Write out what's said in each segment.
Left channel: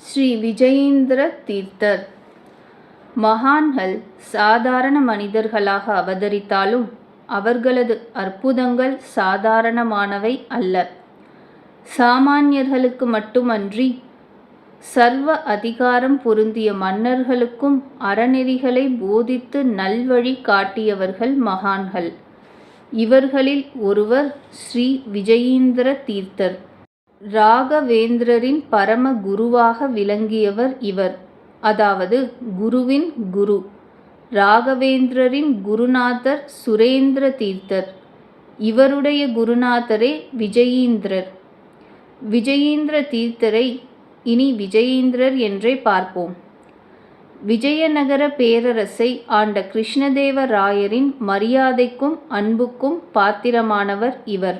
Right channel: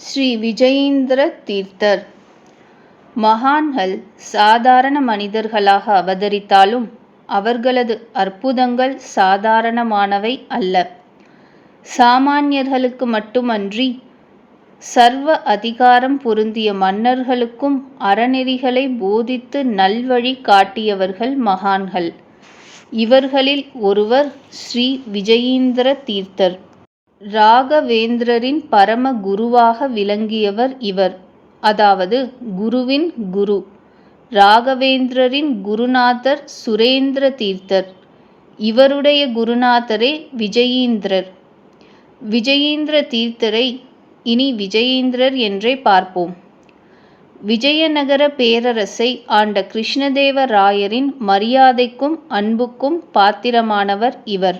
ஸ்ரீ விஜயீந்திர தீர்த்தர். மகான்கள் சாதாரண மனிதர்களாக அவதரித்தாலும் அவர்களது அற்புதங்கள் சாதாரணமானவை அல்ல. சாமானியர்களுக்கு மட்டுமன்றி சர்வ அதிகாரம் பொருந்திய மன்னர்களுக்கும் அறநெறிகளை போதித்து நல்வழி காட்டியவர்கள் மகான்கள். இவர்களில் ஒருவர் ஸ்ரீ விஜயீந்திர தீர்த்தர். ராகவேந்திரரின் பரம குருவாக விளங்கியவர் இவர். அதாவது குருவின் குரு. ராகவேந்திரரின் குருநாதர் சுரேந்திர தீர்த்தர். இவருடைய குருநாதரே விஜயீந்திரர். விஜயீந்திர தீர்த்தரை இனி விஜயீந்திரர் என்றே பார்ப்போம். விஜயநகர பேரரசை ஆண்ட கிருஷ்ணதேவராயரின் மரியாதைக்கும் அன்புக்கும் பாத்திரமானவர் இவர்.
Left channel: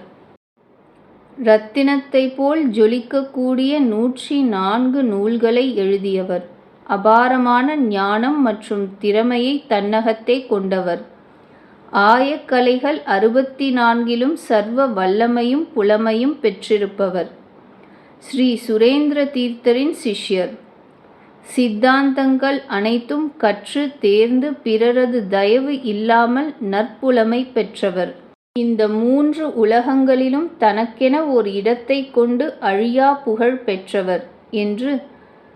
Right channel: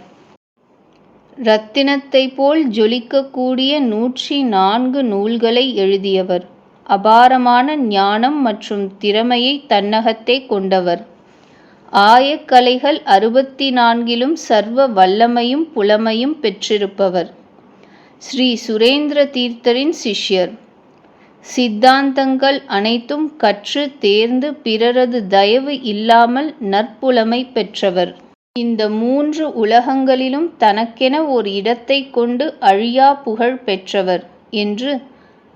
இரத்தினத்தை போல் ஜொலிக்கக்கூடிய 104 நூல்களை எழுதியவர். அபாரமான ஞானம் மற்றும் திறமையை தன்னகத்தே கொண்டவர். ஆயக்கலைகள் 64லும் சர்வ வல்லமையும் புலமையும் பெற்றிருப்பவர். ஸ்ரீ சுரேந்திர தீர்த்தரின் சிஷ்யர். சித்தாந்தங்கள் அனைத்தும் கற்று தேர்ந்து பிறரது தயவு இல்லாமல் நற்புலமை பெற்றவர். இந்த 3 உலகங்களிலும் தனக்கென ஒரு இடத்தை கொண்டு அழியா புகழ் பெற்றவர் என்று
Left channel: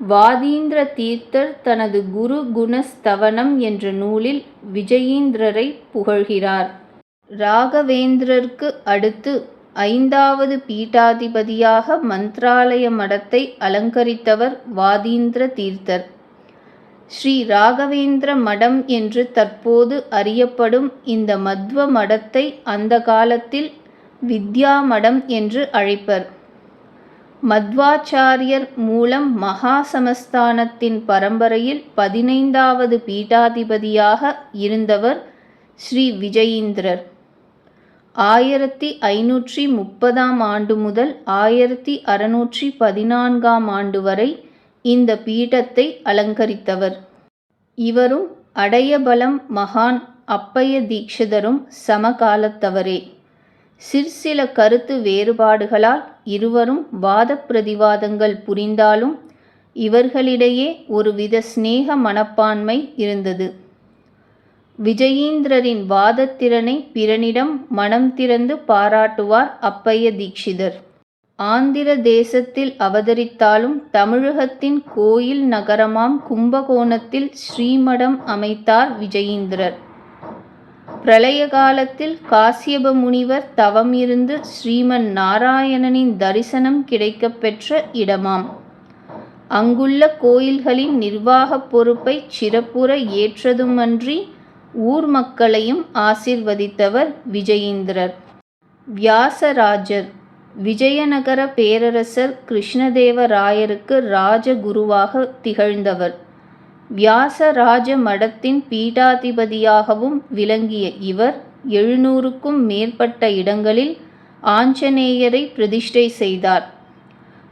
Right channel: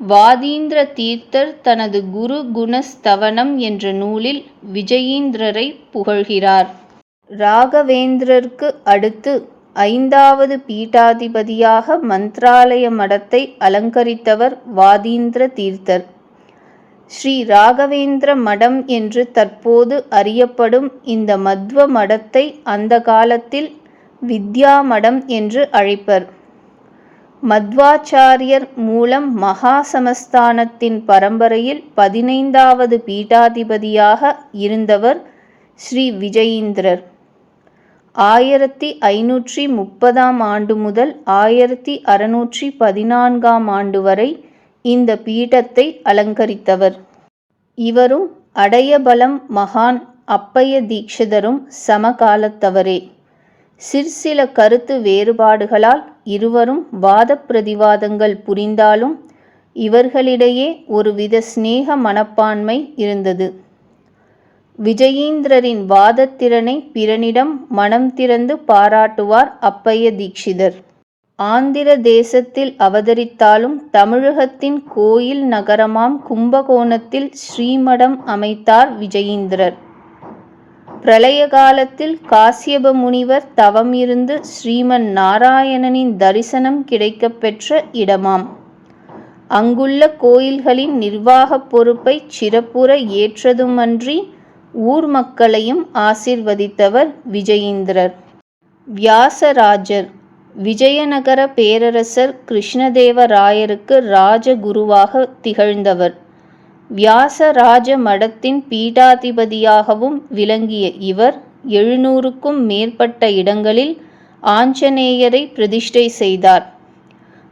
வாதீந்திர தீர்த்தர் தனது குரு குணஸ்தவனம் என்ற நூலில் விஜயீந்திரரை புகழ்கிறார். ராகவேந்திரருக்கு அடுத்து 5வது பீட்டாதிபதியாக மந்த்ராலய மடத்தை அலங்கரித்தவர் வாதீந்திர தீர்த்தர். ஸ்ரீ ராகவேந்திர மடம் என்று தற்போது அறியப்படும் இந்த மத்வ மடத்தை அந்த காலத்தில் வித்யா மடம் என்று அழைப்பர். மத்வாச்சாரியர் மூலம் மகா சமஸ்தானத்தின் பரம்பரையில் 15வது பீட்டாதிபதியாக இருந்தவர் ஸ்ரீ விஜயீந்திரர். 1530ஆம் ஆண்டு முதல் 1614ஆம் ஆண்டு வரை இந்த பீடத்தை அலங்கரித்தவர். இவரும் அடையபலம் மகான் அப்பைய தீக்ஷிதரும் சமகாலத்தவரே. சிற்சில கருத்து வேறுபாடுகளால் இருவரும் வாத பிரதிவாதங்கள் புரிந்தாலும் இவர்களிடையே ஒருவித சிநேக மனப்பான்மை இருந்தது. விஜயீந்திரரின் வாதத்திறனை பிறனிடம் மனம் திறந்து பாராட்டுவார் அப்பைய தீக்ஷிதர். ஆந்திர தேசத்தில் அவதரித்தாலும் தமிழகத்தின் கோயில் நகரமாம் கும்பகோணத்தில் ஸ்ரீமடம் அமைத்தார் விஜயீந்திரர். பிரளய காலத்தில் காசியப முனிவர் தவம் இருந்து ஸ்ரீமன் நாராயணனின் தரிசனம் கிடைக்கப் பெற்ற இடமாம். அங்குள்ள கோயில்களின் நிர்வாகப் பொறுப்பை சிறப்புற ஏற்றதுமன்றி ஊர் மக்களையும் ஆசிர்வதித்தவர் விஜயீந்திரர். வியாசராஜர். விஜயநகர பேரரசர் கிருஷ்ணதேவராயருக்கு ராஜகுருவாக திகழ்ந்தவர். வியாசராஜ மடத்தின் பீடாதிபதியாகவும் விளங்கிய இவர் 700க்கும் மேற்பட்ட இடங்களில் ஆஞ்சநேயரை பிரதிஷ்டை செய்தார்.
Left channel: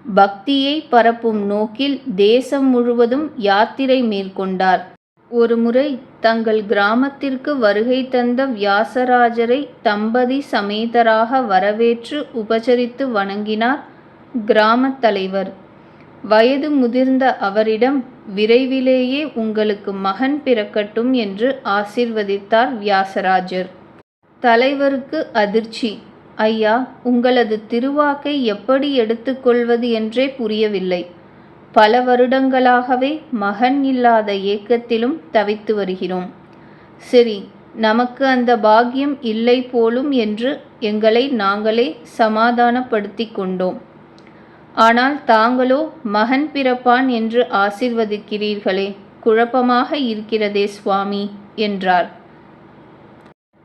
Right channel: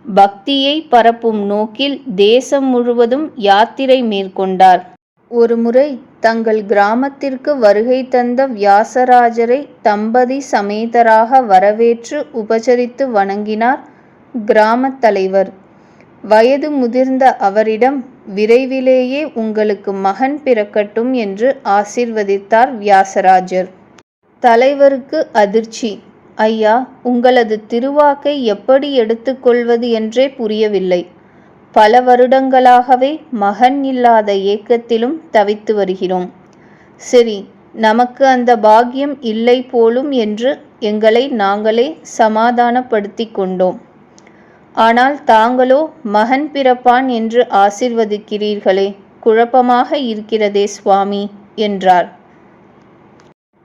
பக்தியை பரப்பும் நோக்கில் தேசம் முழுவதும் யாத்திரை மேற்கொண்டார். ஒருமுறை தங்கள் கிராமத்திற்கு வருகை தந்த வியாசராஜரை தம்பதி சமேதராக வரவேற்று உபசரித்து வணங்கினார் கிராமத் தலைவர். வயது முதிர்ந்த அவரிடம் விரைவிலேயே உங்களுக்கு மகன் பிறக்கட்டும் என்று ஆசீர்வதித்தார் வியாசராஜர். தலைவருக்கு அதிர்ச்சி. ஐயா, உங்களது திருவாக்கை எப்படி எடுத்துக்கொள்வது என்றே புரியவில்லை. பல வருடங்களாகவே மகன் இல்லாத ஏக்கத்திலும் தவித்து வருகிறோம். சரி, நமக்கு அந்த பாக்கியம் இல்லை போலும் என்று எங்களை நாங்களே சமாதானப்படுத்தி கொண்டோம். ஆனால் தாங்களோ மகன் பிறப்பான் என்று ஆசீர்வதிக்கிறீர்களே, குழப்பமாக இருக்கிறதே சுவாமி என்றார்.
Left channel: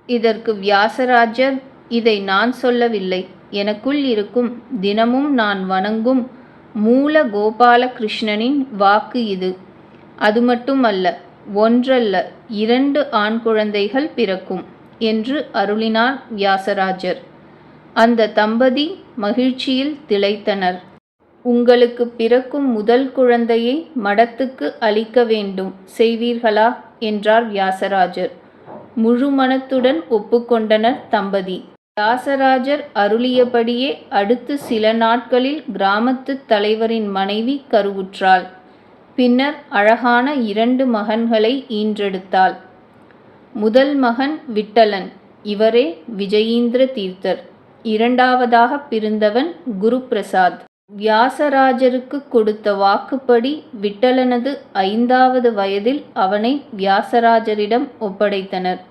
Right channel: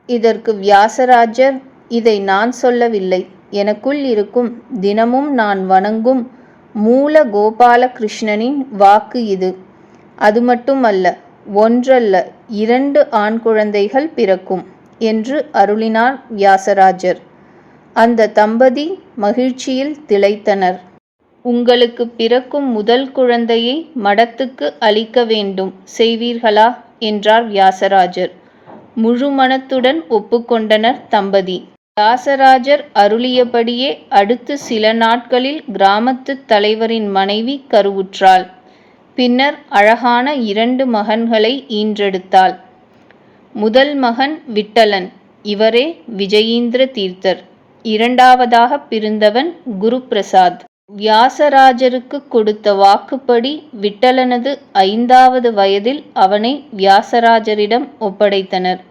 இதற்கு வியாசராஜர், இதை நான் சொல்லவில்லை, எனக்குள் இருக்கும் தினமும் நான் வணங்கும் மூல கோபால கிருஷ்ணனின் வாக்கு இது. அது மட்டுமல்ல, 1 அல்ல 2 ஆண் குழந்தைகள் பிறக்கும் என்று அருளினார் வியாசராஜர். அந்த தம்பதி மகிழ்ச்சியில் திளைத்தனர். உங்களுக்கு பிறக்கும் முதல் குழந்தையை மடத்துக்கு அளிக்க வேண்டும், செய்வீர்களா என்றார் வியாசராஜர். முழு மனத்துடன் ஒப்புக்கொண்டனர் தம்பதி. வியாசராஜர் அருளியபடியே அடுத்து சில நாட்களில் கிராமத்துத் தலைவரின் மனைவி கருவுற்றாள். பின்னர் அழகான 2 மகன்களை ஈன்றெடுத்தாள். முதல் மகன் விட்டலன், இவரே விஜயீந்திர தீர்த்தர். இரண்டாவதாகப் பிறந்தவன் குருபிரசாத். வியாசராஜருக்கு கொடுத்த வாக்குப்படி விட்டலனது 5வது வயதில் அவனை வியாசராஜரிடம் ஒப்படைத்தனர்.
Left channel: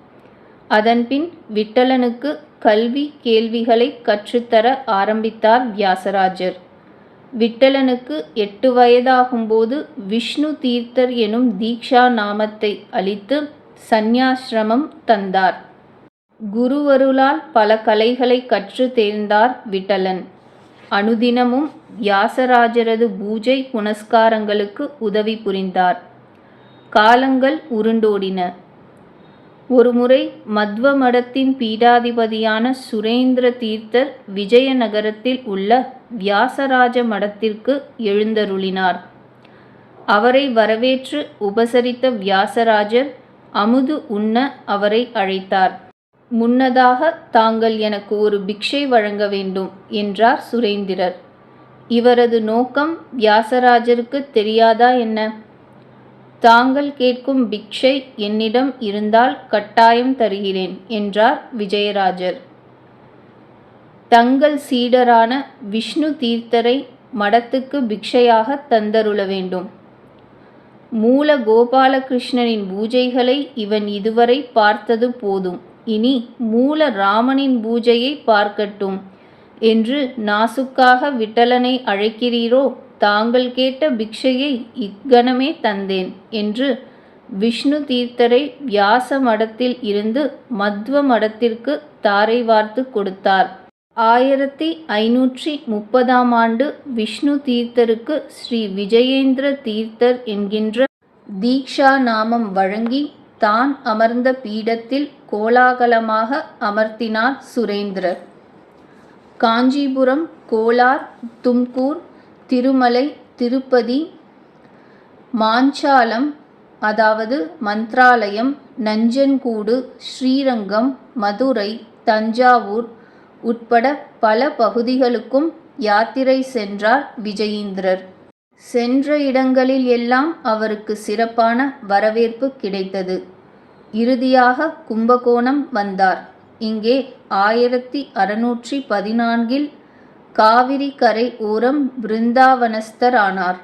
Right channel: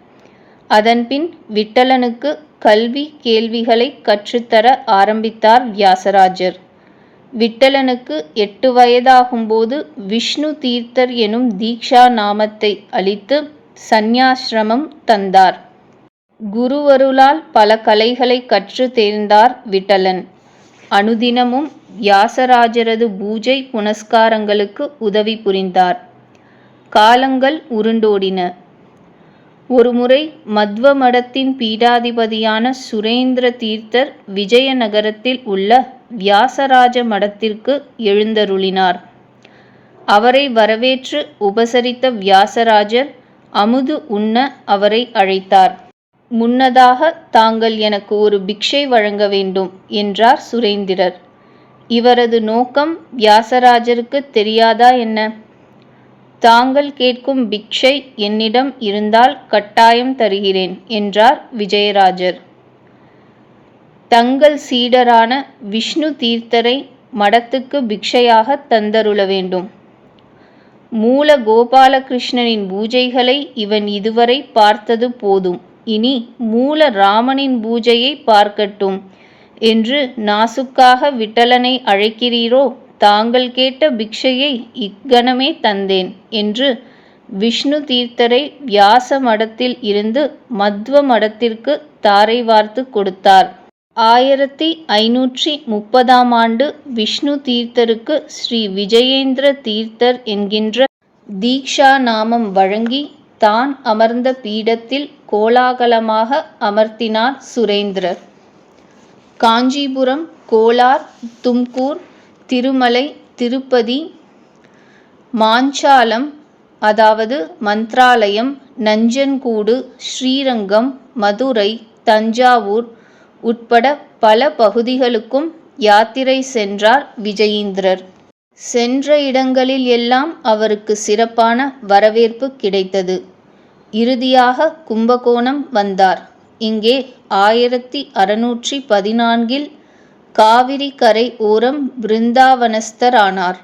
அதன்பின் விட்டலனுக்கு கல்வி கேள்விகளை கற்றுத்தர ஆரம்பித்தார் வியாசராஜர். விட்டலனுக்கு 8 வயதாகும்போது விஷ்ணு தீர்த்தர் எனும் தீக்ஷா நாமத்தை அளித்து சந்நியாசிரமம் தந்தார். குருவருளால் பல கலைகளை கற்று தேர்ந்தார் விட்டலன். அனுதினமும் வியாசராஜரது பூஜை புனஸ்காரங்களுக்கு உதவி புரிந்தார். காலங்கள் உருண்டோடின. ஒருமுறை மத்வ மடத்தின் பீடாதிபதியான சுரேந்திர தீர்த்தர் விஜயநகரத்தில் உள்ள வியாசராஜ மடத்திற்கு எழுந்தருளினார். அவரை வரவேற்று உபசரித்த வியாசராஜர் அமுது உண்ண அவரை அழைத்தார். முன்னதாக தாங்கள் எனக்கு ஒரு பிக்ஷை வழங்க வேண்டும் என்றார் சுரேந்திரர். இவரது நோக்கம் வியாசராஜருக்கு தெரியாதா என்ன? தாங்கள் கேட்கும் பிக்ஷை என்னிடம் இருந்தால் கட்டாயம் தருகிறேன் என்றார் விஜயராஜர். தங்கள் சீடரான விஷ்ணு தீர்த்தரை மடத்துக்கு பிக்ஷையாக தந்தருள வேண்டும். மூல கோபாலகிருஷ்ணனின் பூஜைகளை இவன் இதுவரை பார்த்தது போதும், இனி மூல ராமனின் பூஜையை பார்க்கட்டும் என்று நாசுக்காக விட்டலனை அழைக்கிறீரோ? தாங்கள் கேட்ட பிக்ஷையை இக்கணமே தந்தேன் என்று விஷ்ணு தீர்த்தரை வியாச மடத்தில் இருந்து மத்வ மடத்திற்கு தாரை வார்த்து கொடுத்தார். 1530ஆம் ஆண்டு விஷ்ணு தீர்த்தருக்கு ஸ்ரீ விஜயேந்திர தீர்த்தர் என்கின்ற தீக்ஷா நாமம் வழங்கி தான் அமர்ந்த பீடத்தில் கோலாகலமாக அமர்த்தினார் சுரேந்திரர். காஞ்சிபுரம், கோலார், தும்கூர், திருமலை, திருப்பதி, மாஞ்சாலம் அதாவது மந்த்ராலயம், நஞ்சன்கூடு, ஸ்ரீரங்கம், மதுரை, தஞ்சாவூர் உட்பட பல பகுதிகளுக்கும் யாத்திரை சென்றார் விஜயீந்திரர். சென்ற இடங்களில் எல்லாம் அவருக்கு சிறப்பான வரவேற்பு கிடைத்தது. இறுதியாக கும்பகோணம் வந்தார். இங்கே 1614இல் காவிரி கரை ஓரம் பிருந்தாவனஸ்தர் ஆனார்.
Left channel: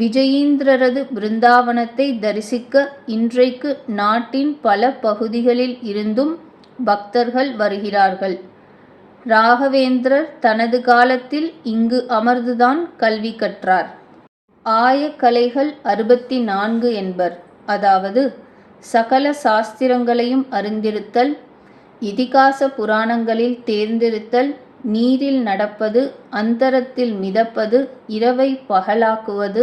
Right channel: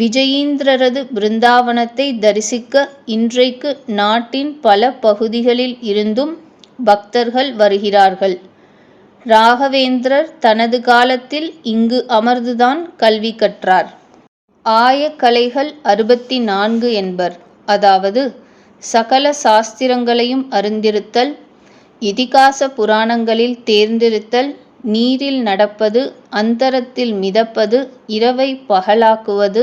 விஜயீந்திரரது பிருந்தாவனத்தை தரிசிக்க இன்றைக்கு நாட்டின் பல பகுதிகளில் இருந்தும் பக்தர்கள் வருகிறார்கள். ராகவேந்திரர் தனது காலத்தில் இங்கு அமர்ந்துதான் கல்வி கற்றார். ஆயக்கலைகள் 64 என்பர். அதாவது சகல சாஸ்திரங்களையும் அறிந்திருத்தல், இதிகாச புராணங்களில் தேர்ந்திருத்தல், நீரில் நடப்பது, அந்தரத்தில் மிதப்பது, இரவை பகலாக்குவது,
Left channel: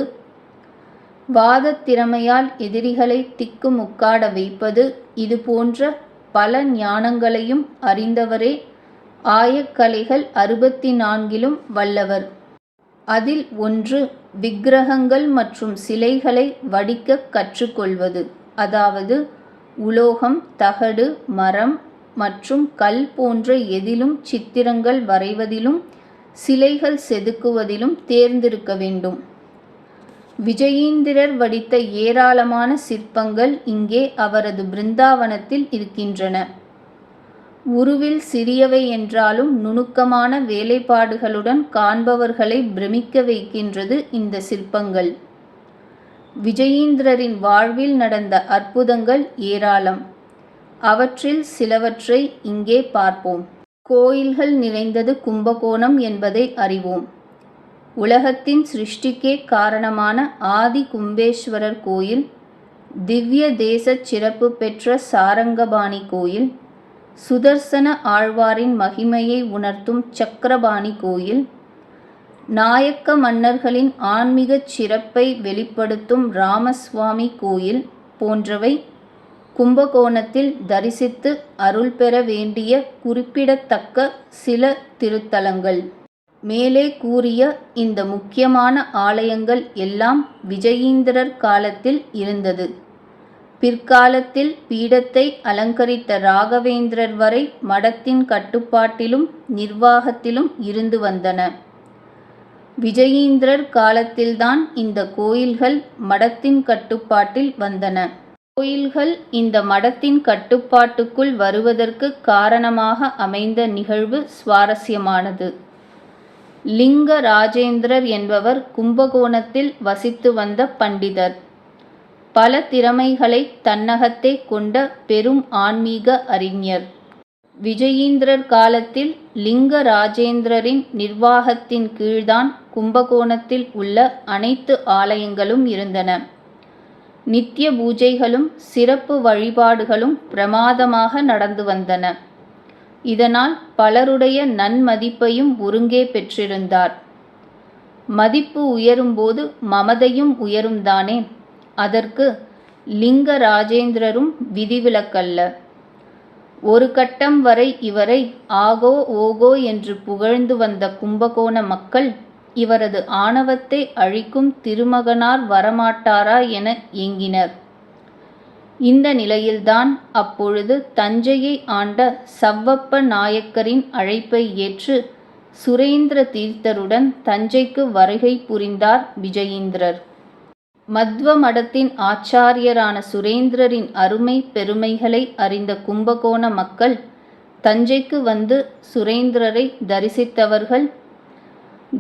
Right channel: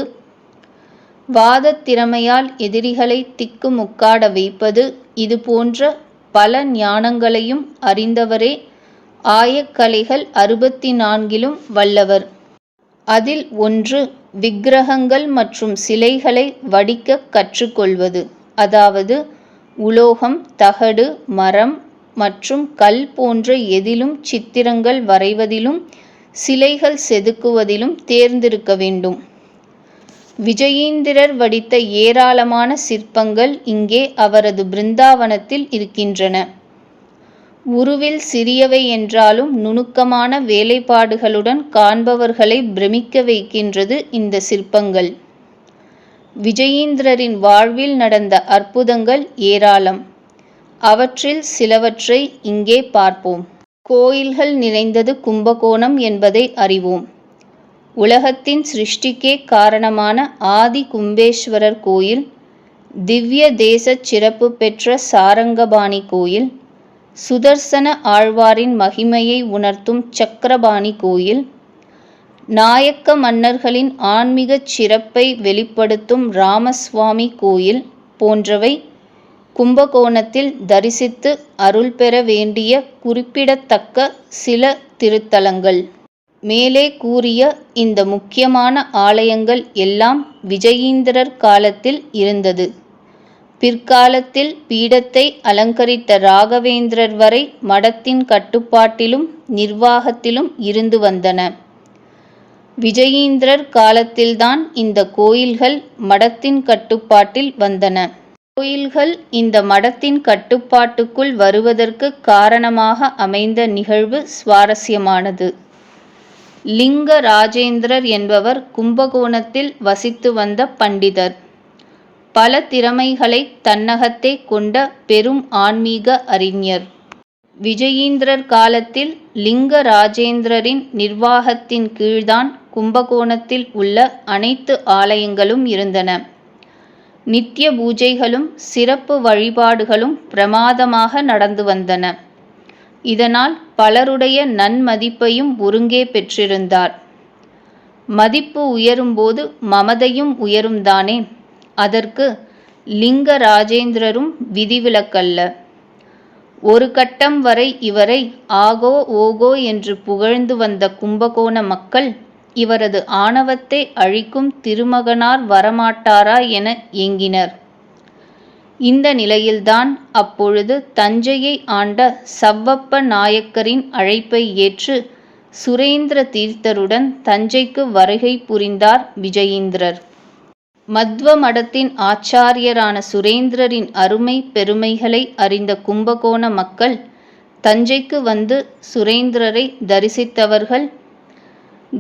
வாதத் திறமையால் எதிரிகளை திக்கு முக்காட வைப்பது, இது போன்ற பல ஞானங்களையும் அறிந்தவரே ஆயக்கலைகள் 64லும் வல்லவர். அதில் ஒன்று விக்கிரகங்கள் மற்றும் சிலைகளை வடிக்க கற்றுக்கொள்வது. அதாவது உலோகம், தகடு, மரம் மற்றும் கல் போன்ற எதிலும் சித்திரங்கள் வரைவதிலும் சிலைகள் செதுக்குவதிலும் தேர்ந்திருக்க வேண்டும். விஜயீந்திரர் வடித்த ஏராளமான சிற்பங்கள் இங்கே அவரது பிருந்தாவனத்தில் இருக்கின்றன. உருவில் சிறியவை என்றாலும் நுணுக்கமான வேலைப்பாடுகளுடன் காண்பவர்களை பிரமிக்க வைக்கின்றது இந்த சிற்பங்கள். விஜயீந்திரரின் வாழ்வில் நடந்த அற்புதங்கள் ஏராளம். அவற்றில் சிலவற்றை இங்கே பார்ப்போம். கோயில்கள் நிறைந்தது கும்பகோணம் என்பதை அறிவோம். உலகத்தின் சிருஷ்டிக்கே காரணமான ஆதி கும்பேஸ்வரர் கோயில், திவ்ய தேச சிறப்பு பெற்ற சாரங்கபாணி கோயில், சுதர்சன ஆழ்வாரின் மகிமையை உணர்த்தும் சக்கரபாணி கோயில், நாயக்க மன்னர்களின் ஆன்மீகச் சிறப்பை வெளிப்படுத்தும் ராமசுவாமி கோயில் போன்றவை கும்பகோணத்தில் தரிசித்து அருள் பெற வேண்டிய குறிப்பிடத்தக்க சில திருத்தலங்கள். மேலே கூறிய இந்த முக்கியமான ஆலயங்கள் எல்லாம் விஜயீந்திரர் காலத்தில் இருந்தது. பிற்காலத்தில் பீடத்தை அலங்கரித்த ராகவேந்திரர் வரை மடத்தின் கட்டுப்பாட்டிலும் நிர்வாகத்திலும் இருந்து வந்தன. விஜயீந்திரர் காலத்தில்தான் இந்த கோயில்கள் மடத்தின் கட்டுப்பாட்டில் வந்தன. கோயில்கள் இந்த மடத்தின் கட்டுப்பாட்டுக்குள் வருவதற்கு காரணமாக அமைந்த நிகழ்வு சுவாரஸ்யமானது. லிங்க ராஜேந்திரர் என்பவர் கும்பகோணத்தில் வசித்து வந்த பண்டிதர். பல திறமைகளை தன்னகத்தே கொண்ட பெரும் ஆன்மீக அறிஞர். விஜயீந்திரர் காலத்தில் லிங்க ராஜேந்திரரின் நிர்வாகத்தின் கீழ்தான் கும்பகோணத்தில் உள்ள அனைத்து ஆலயங்களும் இருந்தன. நித்திய பூஜைகளும் சிறப்பு வழிபாடுகளும் பிரமாதமாக நடந்து வந்தன. இதனால் பலருடைய நன்மதிப்பையும் ஒருங்கே பெற்றிருந்தார். மதிப்பு உயரும்போது மமதையும் உயரும்தானே. அதற்கு லிங்க ராஜேந்திரரும் விதிவிலக்கல்ல. ஒரு கட்டம் வரை இவரை ஆகோ ஓகோ என்று புகழ்ந்து வந்த கும்பகோண மக்கள் இவரது ஆணவத்தை அழிக்கும் திருமகனார் வரமாட்டாரா என ஏங்கினர். இந்த நிலையில்தான் அப்பொழுது தஞ்சையை ஆண்ட சவ்வப்ப நாயக்கரின் அழைப்பை ஏற்று சுரேந்திர தீர்த்தருடன் தஞ்சைக்கு வருகை புரிந்தார் விஜயீந்திரர். மத்வ மடத்தின் ஆச்சாரியரான சுரேந்திரரின் அருமை பெருமைகளை அறிந்த கும்பகோண மக்கள் தஞ்சைக்கு வந்து சுரேந்திரரை தரிசித்தவர்கள்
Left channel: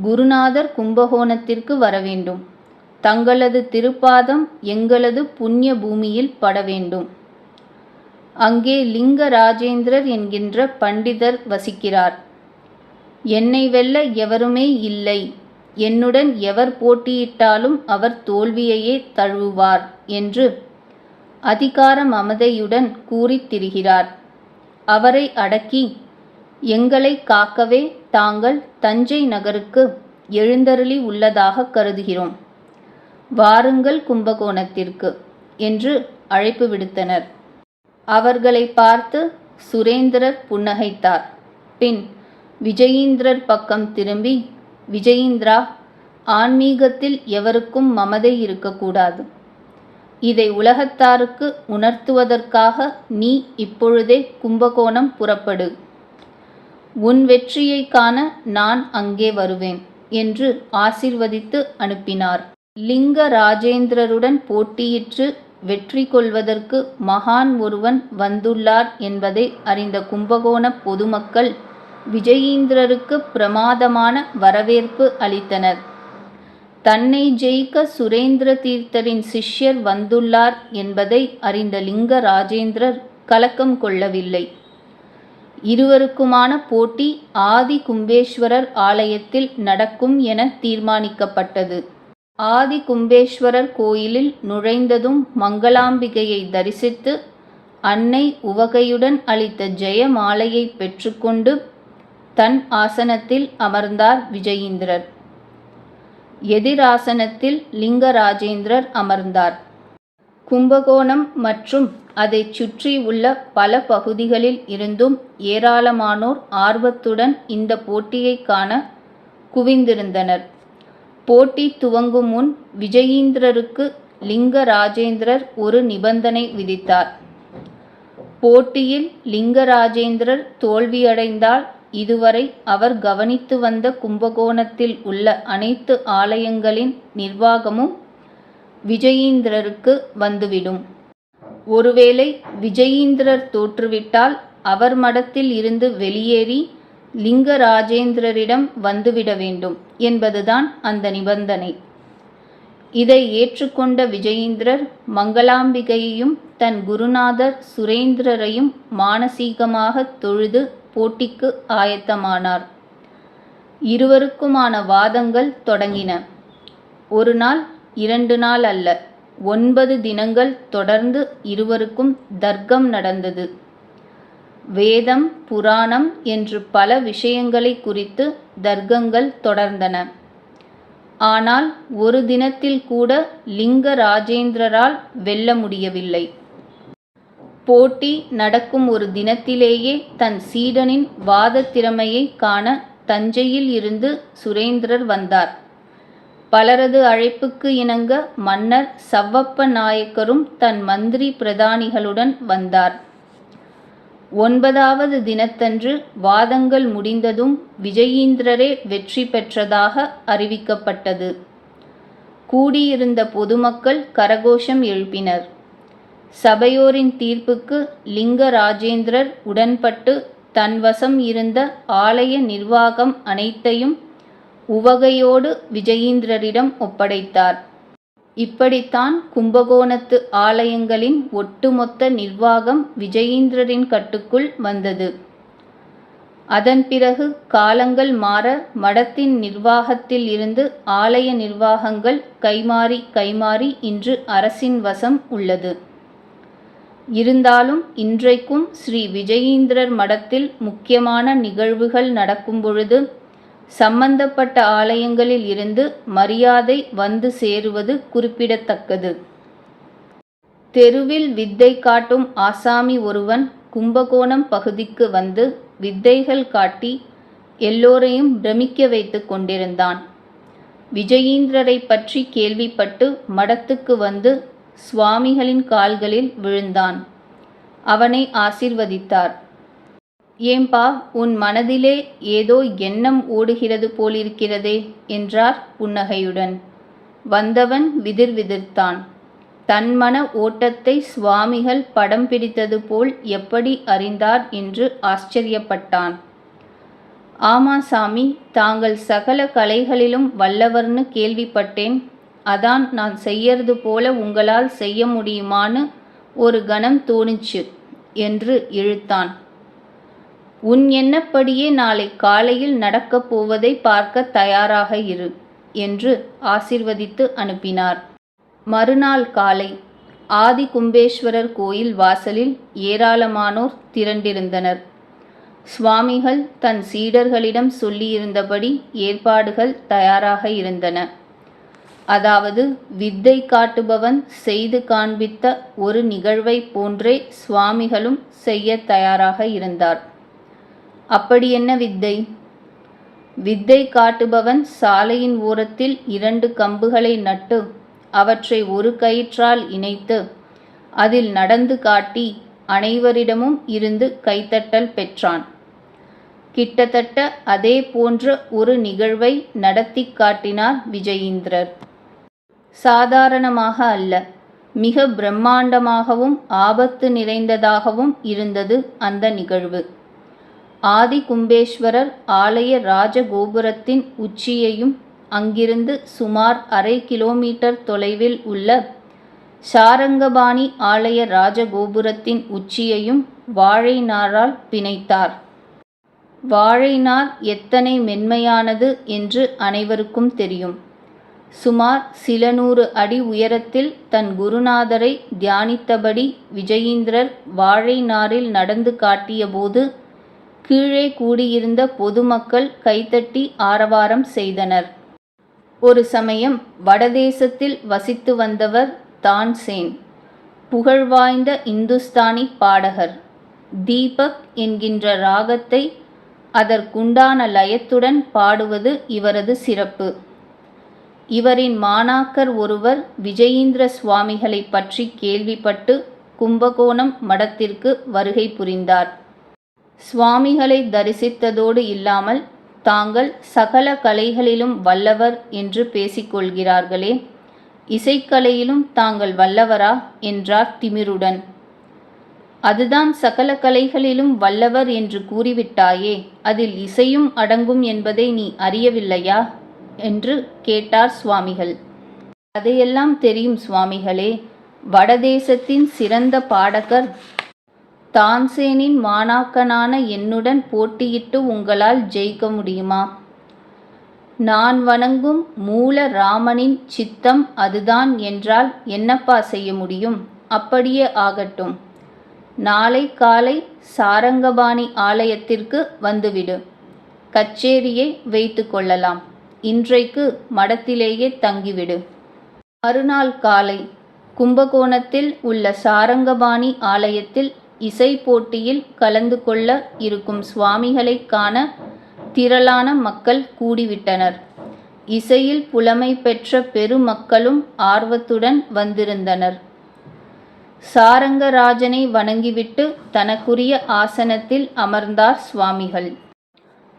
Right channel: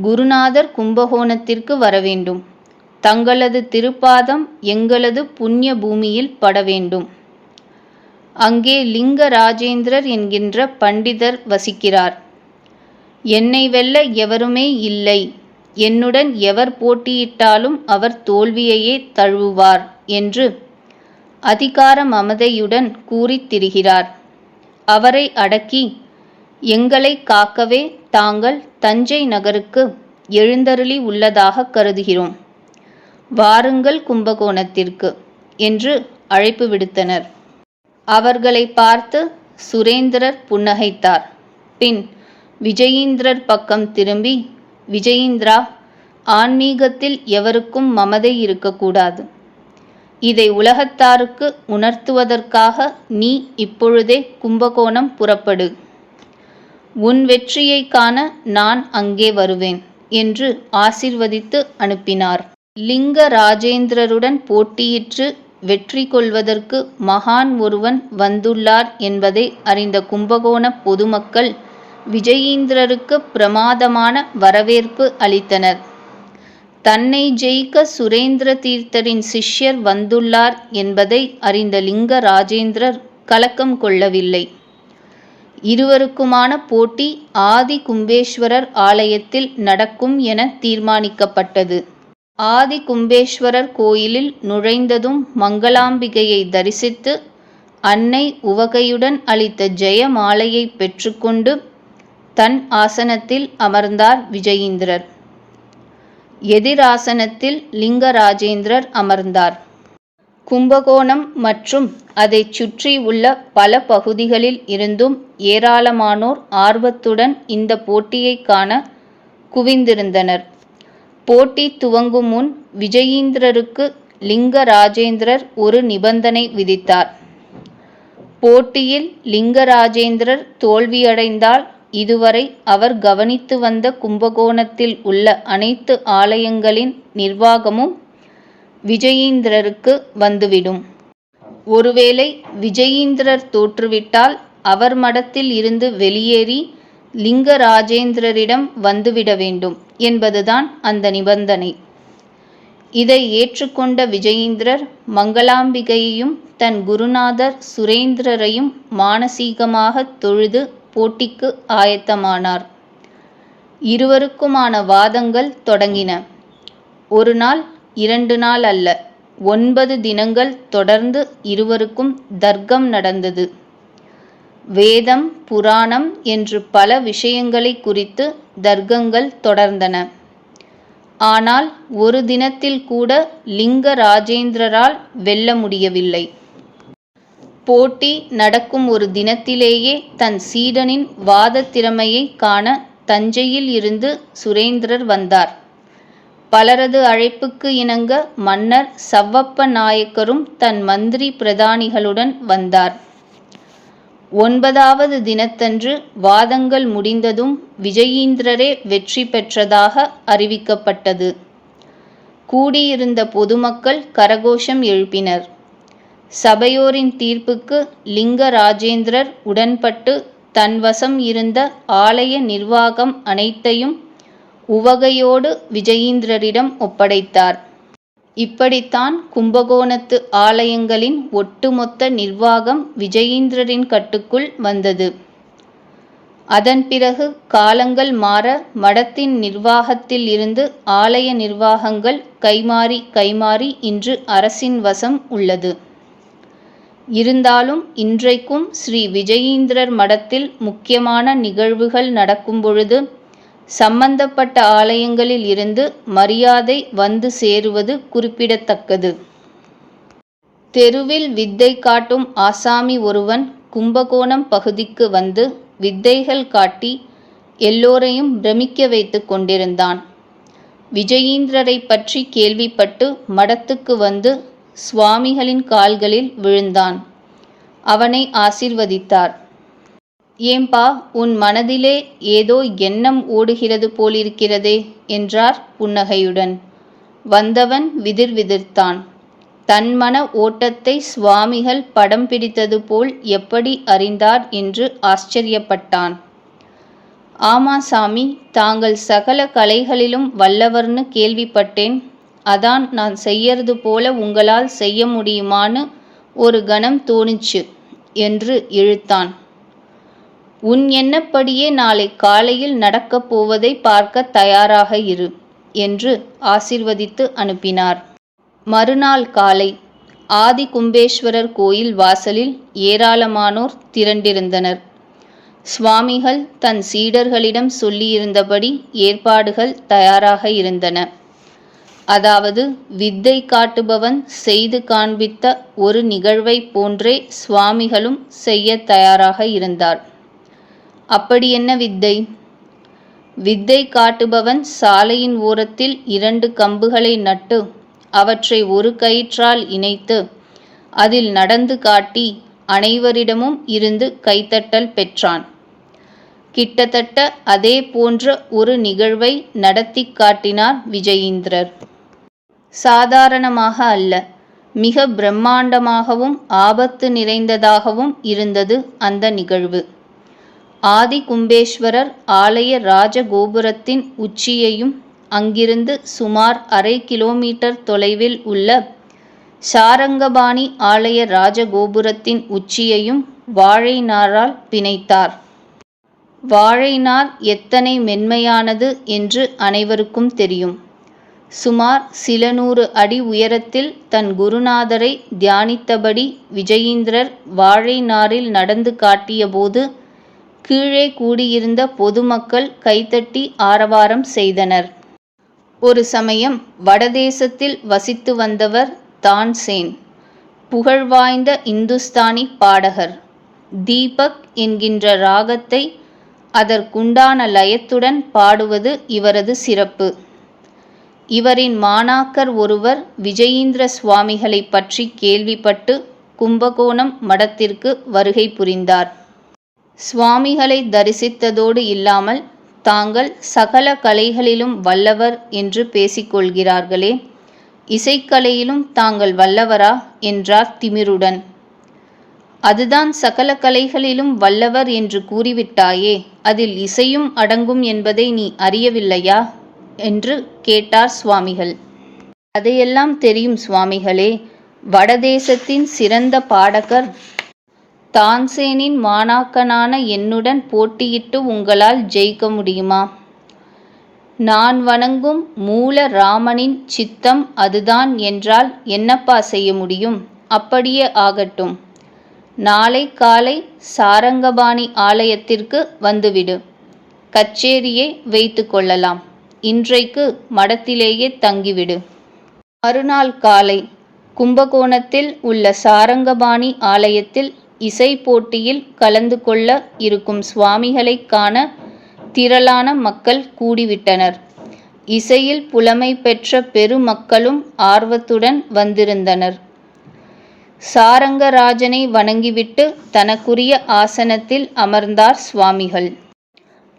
குருநாதர் கும்பகோணத்திற்கு வரவேண்டும், தங்களது திருப்பாதம் எங்களது புண்ணிய பூமியில் பட வேண்டும். அங்கே லிங்க ராஜேந்திரர் என்கின்ற பண்டிதர் வசிக்கிறார். என்னை வெல்ல எவருமே இல்லை, என்னுடன் எவர் போட்டியிட்டாலும் அவர் தோல்வியையே தழுவுவார் என்று அதிகார மமதையுடன் கூறித் திரிகிறார். அவரை அடக்கி எங்களை காக்கவே தாங்கள் தஞ்சை நகருக்கு எழுந்தருளி உள்ளதாக கருதுகிறோம். வாருங்கள் கும்பகோணத்திற்கு என்று அழைப்பு விடுத்தனர். அவர்களை பார்த்து சுரேந்திரர் புன்னகைத்தார். பின் விஜயீந்திரர் பக்கம் திரும்பி, விஜயீந்திரா, ஆன்மீகத்தில் எவருக்கும் மமதை இருக்கக்கூடாது. இதை உலகத்தாருக்கு உணர்த்துவதற்காக நீ இப்பொழுதே கும்பகோணம் புறப்படு. உன் வெற்றியை காண நான் அங்கே வருவேன் என்று ஆசீர்வதித்து அனுப்பினார். லிங்க ராஜேந்திரருடன் போட்டியிட்டு வெற்றி கொள்வதற்கு மகான் ஒருவன் வந்துள்ளார் என்பதை அறிந்த கும்பகோண பொதுமக்கள் விஜயீந்திரருக்கு பிரமாதமான வரவேற்பு அளித்தனர். தன்னை ஜெயிக்க சுரேந்திர தீர்த்தரின் சிஷ்யர் வந்துள்ளார் என்பதை அறிந்த லிங்க ராஜேந்திரர் கலக்கம் கொள்ளவில்லை. இருவருக்குமான போட்டி ஆதி கும்பேஸ்வரர் ஆலயத்தில் நடக்கும் என தீர்மானிக்கப்பட்டது. ஆதி கும்பேஸ்வரர் கோயிலில் நுழைந்ததும் மங்களாம்பிகையை தரிசித்து அன்னை உவகையுடன் அளித்த ஜெயமாலையை பெற்றுக்கொண்டு தன் ஆசனத்தில் அமர்ந்தார் விஜயீந்திரர். எதிராசனத்தில் லிங்க ராஜேந்திரர் அமர்ந்தார். கும்பகோணம் மற்றும் அதைச் சுற்றி உள்ள பல பகுதிகளில் இருந்தும் ஏராளமானோர் ஆர்வத்துடன் இந்த போட்டியை காண குவிந்திருந்தனர். போட்டி துவங்கும் முன் விஜயீந்திரருக்கு லிங்க ராஜேந்திரர் ஒரு நிபந்தனை விதித்தார். போட்டியில் லிங்க ராஜேந்திரர் தோல்வியடைந்தால் இதுவரை அவர் கவனித்து வந்த கும்பகோணத்தில் உள்ள அனைத்து ஆலயங்களின் நிர்வாகமும் விஜயீந்திரருக்கு வந்துவிடும். ஒருவேளை விஜயீந்திரர் தோற்றுவிட்டால் அவர் மடத்தில் இருந்து வெளியேறி லிங்க ராஜேந்திரரிடம் வந்துவிட வேண்டும் என்பதுதான் அந்த நிபந்தனை. இதை ஏற்றுக்கொண்ட விஜயீந்திரர் மங்களாம்பிகையையும் தன் குருநாதர் சுரேந்திரரையும் மானசீகமாக தொழுது போட்டிக்கு ஆயத்தமானார். இருவருக்குமான வாதங்கள் தொடங்கின. ஒரு நாள், 2 நாள் அல்ல, 9 தினங்கள் தொடர்ந்து இருவருக்கும் தர்க்கம் நடந்தது. வேதம், புராணம் என்று பல விஷயங்களை குறித்து தர்க்கங்கள் தொடர்ந்தன. ஆனால் ஒரு தினத்தில் கூட லிங்க ராஜேந்திரரால் வெல்ல முடியவில்லை. போட்டி நடக்கும் ஒரு தினத்திலேயே தன் சீடனின் வாத திறமையை காண தஞ்சையில் இருந்து சுரேந்திரர் வந்தார். பலரது அழைப்புக்கு இணங்க மன்னர் சவ்வப்ப நாயக்கரும் தன் மந்திரி பிரதானிகளுடன் வந்தார். 9வது தினத்தன்று வாதங்கள் முடிந்ததும் விஜயீந்திரரே வெற்றி பெற்றதாக அறிவிக்கப்பட்டது. கூடியிருந்த பொதுமக்கள் கரகோஷம் எழுப்பினர். சபையோரின் தீர்ப்புக்கு லிங்கராஜேந்திரர் உடன்பட்டு தன்வசம் இருந்த ஆலய நிர்வாகம் அனைத்தையும் உவகையோடு விஜயீந்திரரிடம் ஒப்படைத்தார். இப்படித்தான் கும்பகோணத்து ஆலயங்களின் ஒட்டுமொத்த நிர்வாகம் விஜயீந்திரரின் கட்டுக்குள் வந்தது. அதன் பிறகு காலங்கள் மாற மடத்தின் நிர்வாகத்தில் இருந்து ஆலய நிர்வாகங்கள் கைமாறி இன்று அரசின் வசம் உள்ளது. இருந்தாலும் இன்றைக்கும் ஸ்ரீ விஜயீந்திரர் மடத்தில் முக்கியமான நிகழ்வுகள் நடக்கும் பொழுது சம்பந்தப்பட்ட ஆலயங்களில் இருந்து மரியாதை வந்து சேருவது குறிப்பிடத்தக்கது. தெருவில் வித்தை காட்டும் ஆசாமி ஒருவன் கும்பகோணம் பகுதிக்கு வந்து வித்தைகள் காட்டி எல்லோரையும் பிரமிக்க வைத்து கொண்டிருந்தான். விஜயீந்திரரை பற்றி கேள்விப்பட்டு மடத்துக்கு வந்து சுவாமிகளின் கால்களில் விழுந்தான். அவனை ஆசீர்வதித்தார். ஏம்பா, உன் மனதிலே ஏதோ எண்ணம் ஓடுகிறது போலிருக்கிறதே என்றார் புன்னகையுடன். வந்தவன் விதிர்விதிர்த்தான். தன் மன ஓட்டத்தை சுவாமிகள் படம் பிடித்தது போல் எப்படி அறிந்தார் என்று ஆச்சரியப்பட்டான். ஆமா சாமி, தாங்கள் சகல கலைகளிலும் வல்லவர்னு கேள்விப்பட்டேன். அதான் நான் செய்யறது போல உங்களால் செய்ய முடியுமான்னு ஒரு கணம் தோணுச்சு என்று இழுத்தான். உன் எண்ணப்படியே நாளை காலையில் நடக்கப் போவதை பார்க்க தயாராக இரு என்று ஆசீர்வதித்து அனுப்பினார். மறுநாள் காலை ஆதி கும்பேஸ்வரர் கோயில் வாசலில் ஏராளமானோர் திரண்டிருந்தனர். சுவாமிகள் தன் சீடர்களிடம் சொல்லியிருந்தபடி ஏற்பாடுகள் தயாராக இருந்தன. அதாவது வித்தை காட்டுபவன் செய்து காண்பித்த ஒரு நிகழ்வை போன்றே சுவாமிகளும் செய்ய தயாராக இருந்தார். அப்படி என்ன வித்தை? வித்தை காட்டுபவன் சாலையின் ஓரத்தில் 2 கம்புகளை நட்டு அவற்றை ஒரு கயிற்றால் இணைத்து அதில் நடந்து காட்டி அனைவரிடமும் இருந்து கைத்தட்டல் பெற்றான். கிட்டத்தட்ட அதே போன்ற ஒரு நிகழ்வை நடத்தி காட்டினார் விஜயீந்திரர். சாதாரணமாக அல்ல, மிக பிரம்மாண்டமாகவும் ஆபத்து நிறைந்ததாகவும் இருந்தது அந்த நிகழ்வு. ஆதி கும்பேஸ்வரர் ஆலய ராஜகோபுரத்தின் உச்சியையும் அங்கிருந்து சுமார் 1/2 கிலோமீட்டர் தொலைவில் உள்ள சாரங்கபாணி ஆலய ராஜகோபுரத்தின் உச்சியையும் வாழை நாரால் பிணைத்தார். வாழை நார் எத்தனை மென்மையானது என்று அனைவருக்கும் தெரியும். சுமார் சில 100 அடி உயரத்தில் தன் குருநாதரை தியானித்தபடி விஜயீந்திரர் வாழை நாரில் நடந்து காட்டியபோது கீழே கூடியிருந்த பொதுமக்கள் கைத்தட்டி ஆரவாரம் செய்தனர். ஒரு சமயம் வடதேசத்தில் வசித்து வந்தவர் தான்சேன், புகழ்வாய்ந்த இந்துஸ்தானி பாடகர். தீபக் என்கின்ற ராகத்தை அதற்குண்டான லயத்துடன் பாடுவது இவரது சிறப்பு. இவரின் மாணாக்கர் ஒருவர் விஜயீந்திர சுவாமிகளை பற்றி கேள்விப்பட்டு கும்பகோணம் மடத்திற்கு வருகை புரிந்தார். சுவாமிகளை தரிசித்ததோடு இல்லாமல் தாங்கள் சகல கலைகளிலும் வல்லவர் என்று பேசிக்கொள்கிறார்களே, இசைக்கலையிலும் தாங்கள் வல்லவரா என்றார் திமிருடன். அதுதான் சகல கலைகளிலும் வல்லவர் என்று கூறிவிட்டாயே, அதில் இசையும் அடங்கும் என்பதை நீ அறியவில்லையா என்று கேட்டார் சுவாமிகள். அதையெல்லாம் தெரியும் சுவாமிகளே. வடதேசத்தின் சிறந்த பாடகர் தான்சேனின் மாணாக்கனான என்னுடன் போட்டியிட்டு உங்களால் ஜெயிக்க முடியுமா? நான் வணங்கும் மூல ராமனின் சித்தம் அதுதான் என்றால் என்னப்பா செய்ய முடியும்? அப்படியே ஆகட்டும். நாளை காலை சாரங்கபாணி ஆலயத்திற்கு வந்துவிடு. கச்சேரியை வைத்து கொள்ளலாம். இன்றைக்கு மடத்திலேயே தங்கிவிடு. மறுநாள் காலை கும்பகோணத்தில் உள்ள சாரங்கபாணி ஆலயத்தில் இசை போட்டியில் கலந்து கொள்ள இருக்கும் சுவாமிகளை காண திரளான மக்கள் கூடிவிட்டனர். இசையில் புலமை பெற்ற பெருமக்களும் ஆர்வத்துடன் வந்திருந்தனர். சாரங்கராஜனை வணங்கிவிட்டு தனக்குரிய ஆசனத்தில் அமர்ந்தார் சுவாமிகள்.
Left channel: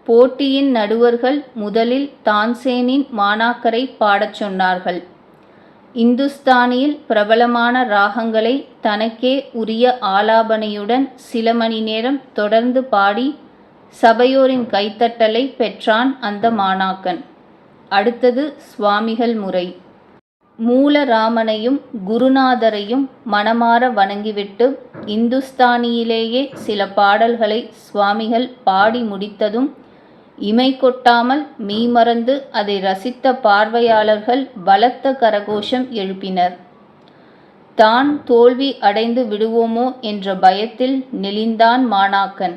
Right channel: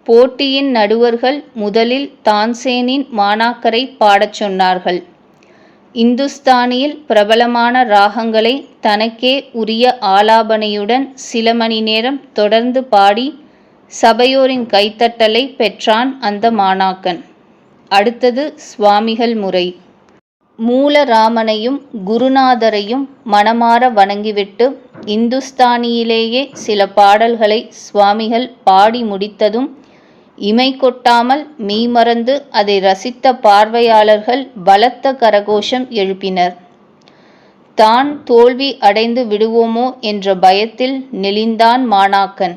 போட்டியின் நடுவர்கள் முதலில் தான்சேனின் மாணாக்கரை பாடச் சொன்னார்கள். இந்துஸ்தானியில் பிரபலமான ராகங்களை தனக்கே உரிய ஆலாபனையுடன் சில மணி நேரம் தொடர்ந்து பாடி சபையோரின் கைத்தட்டலை பெற்றான் அந்த மாணாக்கன். அடுத்தது சுவாமிகள் முறை. மூலராமனையும் குருநாதரையும் மனமார வணங்கிவிட்டு இந்துஸ்தானியிலேயே சில பாடல்களை சுவாமிகள் பாடி முடித்ததும் இமை கொட்டாமல் மெய்மறந்து அதை ரசித்த பார்வையாளர்கள் பலத்த கரகோஷம் எழுப்பினர். தான் தோல்வி அடைந்து விடுவோமோ என்ற பயத்தில் நெளிந்தான் மாணாக்கன்.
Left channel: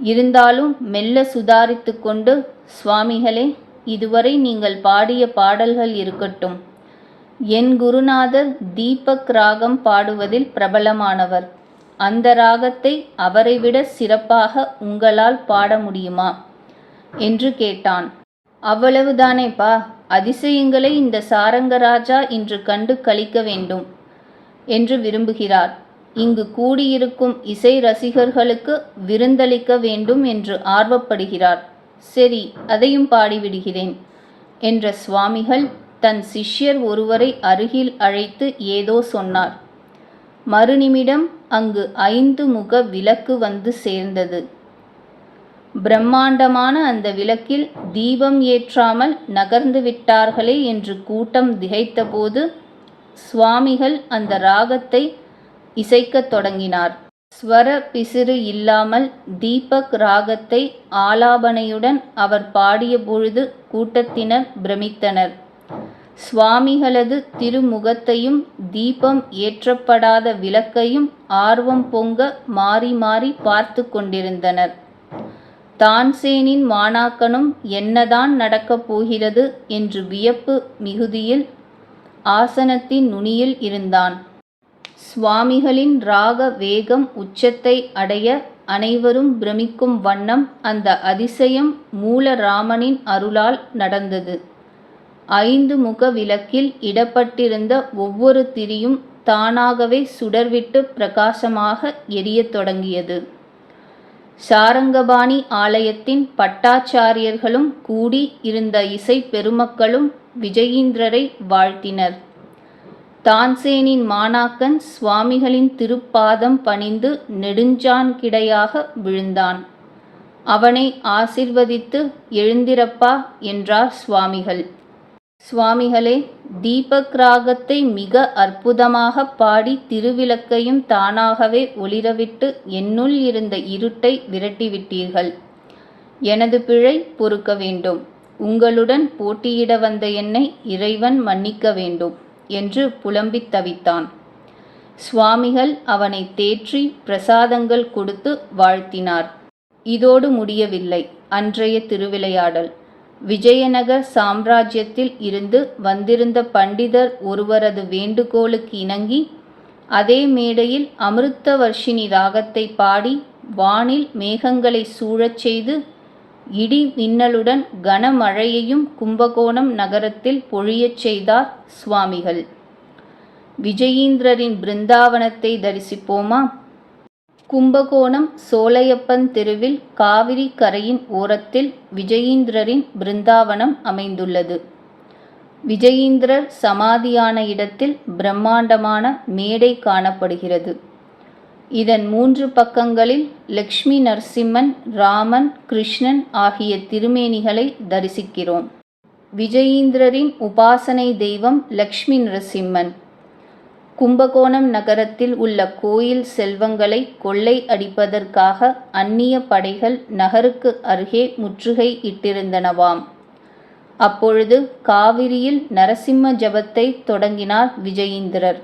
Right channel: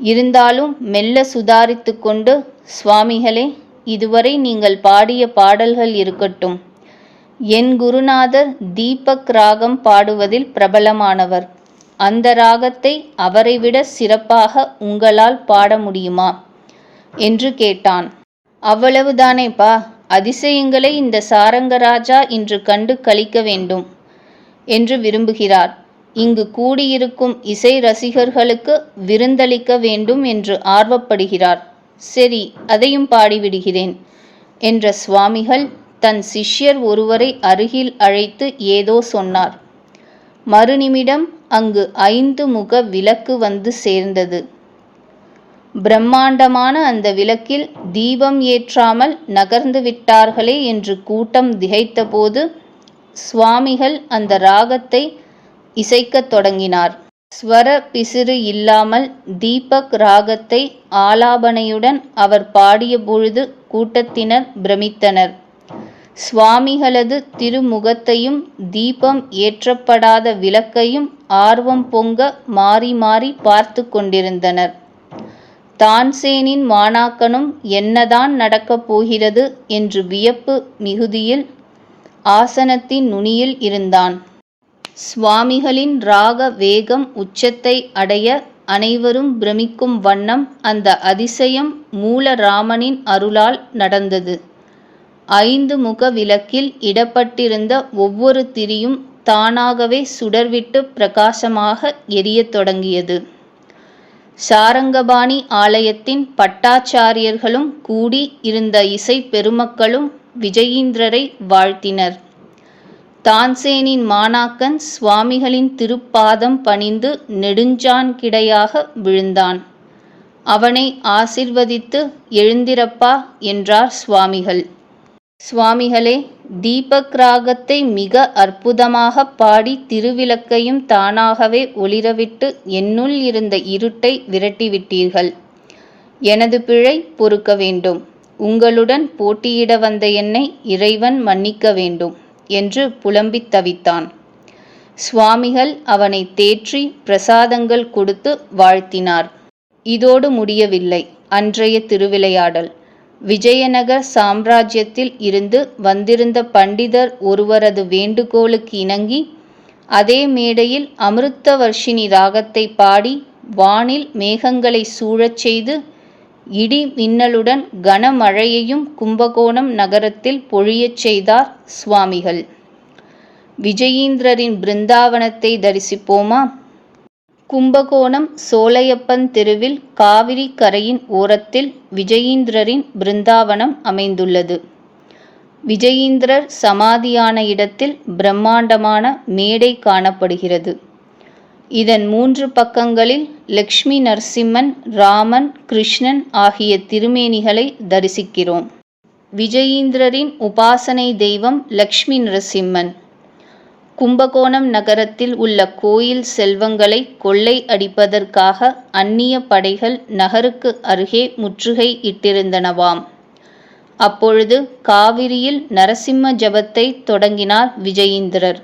இருந்தாலும் மெல்ல சுதாரித்து கொண்டு, சுவாமிகளே, இதுவரை நீங்கள் பாடிய பாடல்கள் இருக்கட்டும். என் குருநாதர் தீபக் ராகம் பாடுவதில் பிரபலமானவர். அந்த ராகத்தை அவரைவிட சிறப்பாக உங்களால் பாட முடியுமா என்று கேட்டான். அவ்வளவுதானேப்பா, அதிசயங்களை இந்த சாரங்கராஜா இன்று கண்டு களிக்க வேண்டும் என்று விரும்புகிறார். இங்கு கூடியிருக்கும் இசை ரசிகர்களுக்கு விருந்தளிக்க வேண்டும் என்று ஆர்வப்படுகிறார். சரி, அதையும் பாடிவிடுகிறேன் என்ற சுவாமிகள் தன் சிஷ்யர் ஒருவரை அருகில் அழைத்து ஏதோ சொன்னார். மறுநிமிடம் அங்கு 5 முக விளக்கு வந்து சேர்ந்தது. பிரம்மாண்டமான அந்த விளக்கில் தீபம் ஏற்றாமல் நகர்ந்து விட்டார்களே என்று கூட்டம் திகைத்தபோது சுவாமிகள் அந்த ராகத்தை இசைக்கத் தொடங்கினார். ஸ்வர பிசிறு இல்லாமல் தீபக் ராகத்தை ஆலாபனையுடன் அவர் பாடிய பொழுது கூட்டத்தினர் பிரமித்தனர். சுவாமிகளது திருமுகத்தையும் தீபம் ஏற்றப்படாத விளக்கையும் ஆர்வம் பொங்க மாறி மாறி பார்த்து கொண்டிருந்தனர். தான்சேனின் மாணாக்கனும் என்னதான் நடக்கப் போகிறது என்று வியப்பு மிகுதியில் ஆசனத்தின் நுனியில் இருந்தான். சுவாமிகளின் ராக வேகம் உச்சத்தை அடைய அனைவரும் பிரமிக்கும் வண்ணம் அந்த அதிசயம் மூலராமனின் அருளால் நடந்தது. 5 முக விளக்கில் இடப்பட்டிருந்த ஒவ்வொரு திரியும் தானாகவே சுடர்விட்டு பிரகாசமாக எரியத் தொடங்கியது. சாரங்கபாணி ஆலயத்தின் பட்டாச்சாரியர்களும் கூடி இருந்த இசை பெருமக்களும் விஜயீந்திரரை வாழ்த்தினர். தான்சேனின் மாணாக்கன் சுவாமிகளின் திருப்பாதம் பணிந்து நெடுஞ்சான் கிடையாக விழுந்தான். அவனை ஆசிர்வதித்து எழுந்திரப்பா என்றார் சுவாமிகள். சுவாமிகளே, தீபக் ராகத்தை மிக அற்புதமாக பாடி திருவிளக்கையும் தானாகவே ஒளிரவிட்டு என்னுள் இருந்த இருட்டை விரட்டிவிட்டீர்கள். எனது பிழை பொறுக்க வேண்டும். உங்களுடன் போட்டியிட வந்த என்னை இறைவன் மன்னிக்க வேண்டும் என்று புலம்பித் தவித்தான். சுவாமிகள் அவனை தேற்றி பிரசாதங்கள் கொடுத்து வாழ்த்தினார். இதோடு முடியவில்லை அன்றைய திருவிளையாடல். விஜயநகர் சாம்ராஜ்யத்தில் இருந்து வந்திருந்த பண்டிதர் ஒருவரது வேண்டுகோளுக்கு இணங்கி அதே மேடையில் அமிர்தவர்ஷினி ராகத்தை பாடி வானில் மேகங்களை சூழச் செய்து இடி மின்னலுடன் கனமழையையும் கும்பகோணம் நகரத்தில் பொழியச் செய்தார் சுவாமிகள். விஜயீந்திரரின் பிருந்தாவனத்தை தரிசிப்போமா? கும்பகோணம் சோலையப்பன் தெருவில் காவிரி கரையின் ஓரத்தில் விஜயீந்திரரின் பிருந்தாவனம் அமைந்துள்ளது. விஜயீந்திரர் சமாதியான இடத்தில் பிரம்மாண்டமான மேடை காணப்படுகிறது. இதன் 3 பக்கங்களில் லக்ஷ்மி நரசிம்மன், ராமன், கிருஷ்ணன் ஆகிய திருமேனிகளை தரிசிக்கிறோம். விஜயீந்திரரின் உபாசனை தெய்வம் லக்ஷ்மி நரசிம்மன். கும்பகோணம் நகரத்தில் உள்ள கோயில் செல்வங்களை கொள்ளை அடிப்பதற்காக அந்நிய படைகள் நகருக்கு அருகே முற்றுகை இட்டிருந்தனவாம். அப்பொழுது காவிரியில் நரசிம்ம ஜபத்தை தொடங்கினார் விஜயீந்திரர்.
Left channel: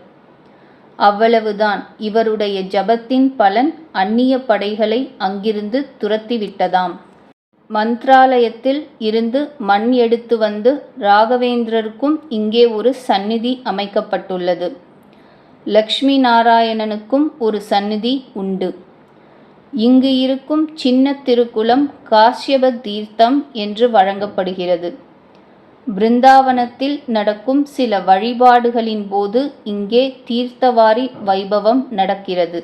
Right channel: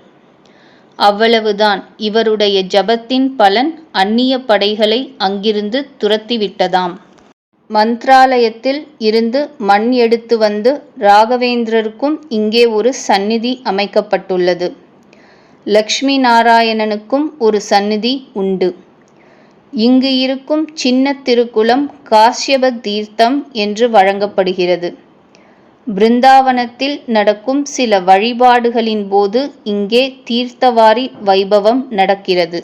அவ்வளவுதான், இவருடைய ஜபத்தின் பலன் அந்நிய படைகளை அங்கிருந்து துரத்திவிட்டதாம். மந்த்ராலயத்தில் இருந்து மண் எடுத்து வந்து ராகவேந்திரருக்கும் இங்கே ஒரு சந்நிதி அமைக்கப்பட்டுள்ளது. லக்ஷ்மி நாராயணனுக்கும் ஒரு சந்நிதி உண்டு. இங்கு இருக்கும் சின்ன திருக்குளம் காஷ்யப தீர்த்தம் என்று வழங்கப்படுகிறது. பிருந்தாவனத்தில் நடக்கும் சில வழிபாடுகளின் போது இங்கே தீர்த்தவாரி வைபவம் நடக்கிறது.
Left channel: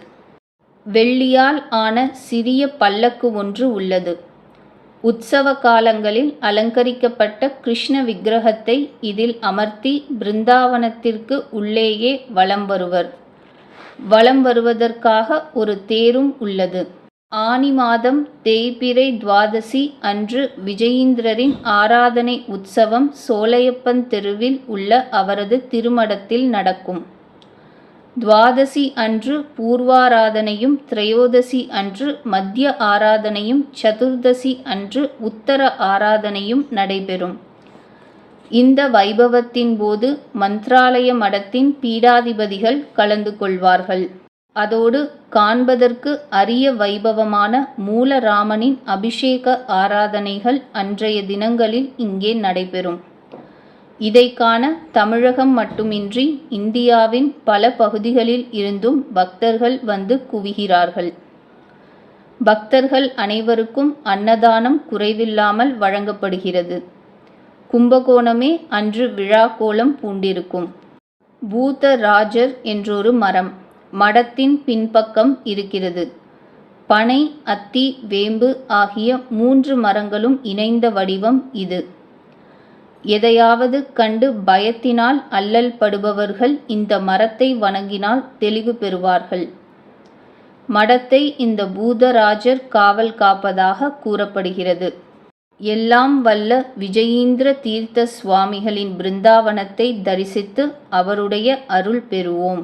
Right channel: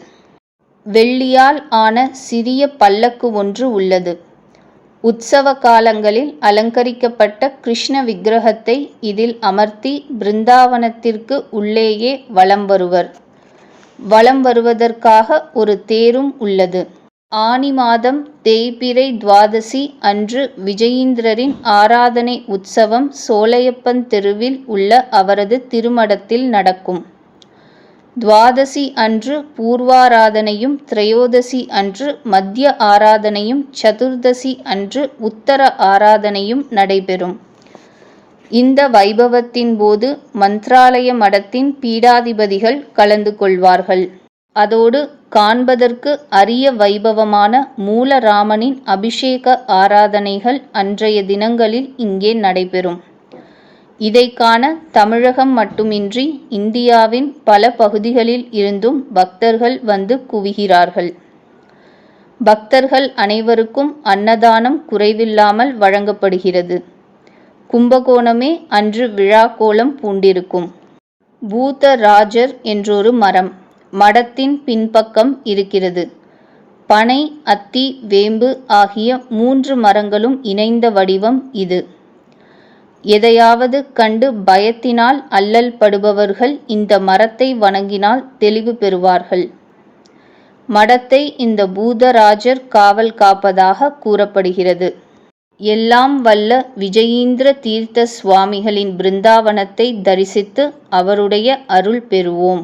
வெள்ளியால் ஆன சிறிய பல்லக்கு ஒன்று உள்ளது. உற்சவ காலங்களில் அலங்கரிக்கப்பட்ட கிருஷ்ண விக்கிரகத்தை இதில் அமர்த்தி பிருந்தாவனத்திற்கு உள்ளேயே வலம் வருவர். வலம் வருவதற்காக ஒரு தேரும் உள்ளது. ஆனி மாதம் தேய்பிறை துவாதசி அன்று விஜயீந்திரரின் ஆராதனை உற்சவம் சோலையப்பன் தெருவில் உள்ள அவரது திருமடத்தில் நடக்கும். துவாதசி அன்று பூர்வாராதனையும், திரையோதசி அன்று மத்திய ஆராதனையும், சதுர்தசி அன்று உத்தர ஆராதனையும் நடைபெறும். இந்த வைபவத்தின் போது மந்த்ராலய மடத்தின் பீடாதிபதிகள் கலந்து கொள்வார்கள். அதோடு காண்பதற்கு அரிய வைபவமான மூலராமனின் அபிஷேக ஆராதனைகள் அன்றைய தினங்களில் இங்கே நடைபெறும். இதை காண தமிழகம் மட்டுமின்றி இந்தியாவின் பல பகுதிகளில் இருந்தும் பக்தர்கள் வந்து குவிகிறார்கள். பக்தர்கள் அனைவருக்கும் அன்னதானம் குறைவில்லாமல் வழங்கப்படுகிறது. கும்பகோணமே அன்று விழா கோலம் பூண்டிருக்கும். பூதராஜர் என்றொரு மரம் மடத்தின் பின்பக்கம் இருக்கிறது. பனை, அத்தி, வேம்பு ஆகிய 3 மரங்களும் இணைந்த வடிவம் இது. எதையாவது கண்டு பயத்தினால் அல்லல் படுபவர்கள் இந்த மரத்தை வணங்கினால் தெளிவு பெறுவார்கள். மடத்தை இந்த பூதராஜர் காவல் காப்பதாக கூறப்படுகிறது. எல்லாம் வல்ல விஜயீந்திர தீர்த்த சுவாமிகளின் பிருந்தாவனத்தை தரிசித்து அவருடைய அருள் பெறுவோம்.